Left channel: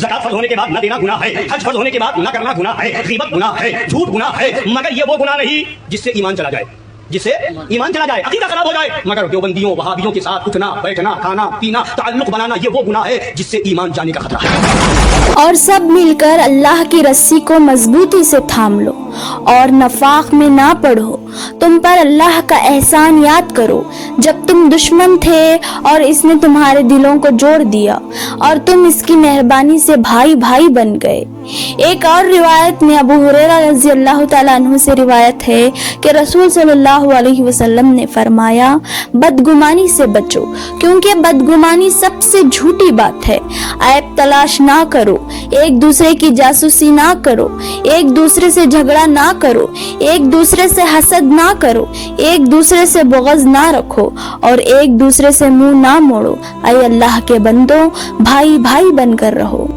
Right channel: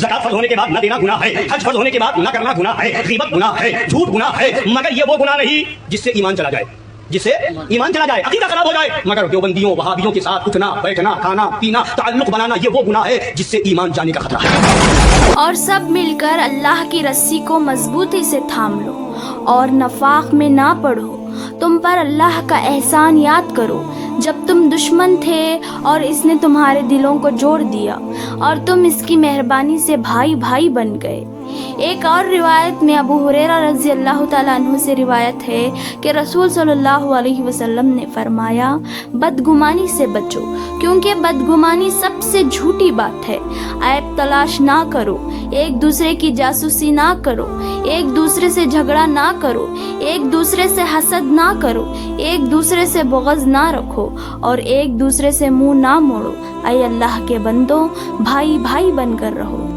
ज़कात फर्ज होने के बाद न देना गुनाह है, हज फर्ज होने के बाद न करना गुनाह है, ग़ीबत गुनाह है, झूठ गुनाह है, मगर ये वो गुनाह नहीं जिससे ईमान चला जाए, जिससे ईमान चला जाए, अकीदा खराब हो जाए। मगर देवबंदियों वहाबियों के साथ उठना बैठना खाना पीना ताल्लुक बनाना ये वो गुनाह है जिससे ईमान जाने का खतरा है। और सब मिलकर अल्लाह की रस्सी को मजबूती से थाम लो और नफाक में ना पढ़ो। तुम पर अल्लाह का एहसान याद करो जब तुम दुश्मन थे और इसने तुम्हारे दिलों को जोड़ दिया और तुम इसकी मेहरबानी से भाई भाई बन गए। एक और रिवायत में अबू हुरैरा रज़ी अल्लाह ताला अन्हु से रिवायत है कि रसूल सल्लल्लाहु अलैहि वसल्लम ने फरमाया, बदगुमानी से बचो क्योंकि बदगुमानी सबसे झूठी बात है। ऐब तलाश ना करो, एक दूसरे की जासूसी ना करो, एक दूसरे से झगड़ा ना करो, एक दूसरे से हसद ना करो, एक दूसरे से बुग़्ज़ ना रखो और एक दूसरे से मुंह ना मोड़ो। ऐ अल्लाह के बंदो, भाई भाई बनकर रहो।